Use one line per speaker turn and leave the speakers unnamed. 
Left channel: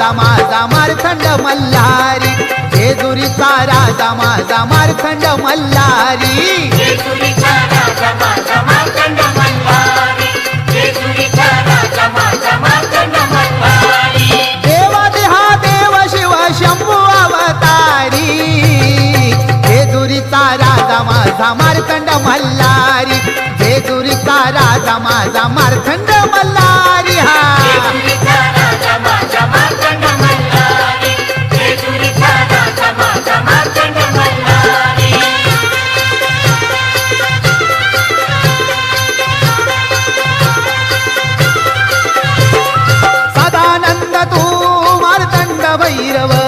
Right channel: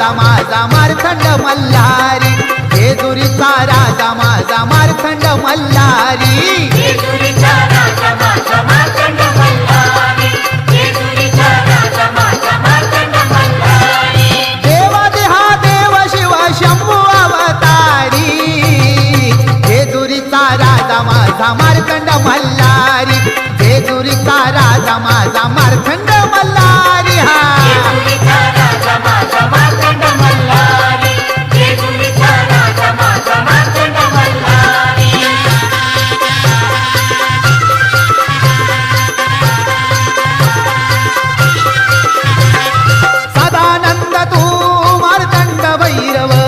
माझा मारखंड मल्हारी. जेजुरीचा राजा माझा मारखंड मल्हारी. देवा देहा देव शिव शंभू अवतारी. जेजुरीचा राजा माझा मारखंड मल्हारी. जेजुरीचा राजा माझा मारखंड வைரவா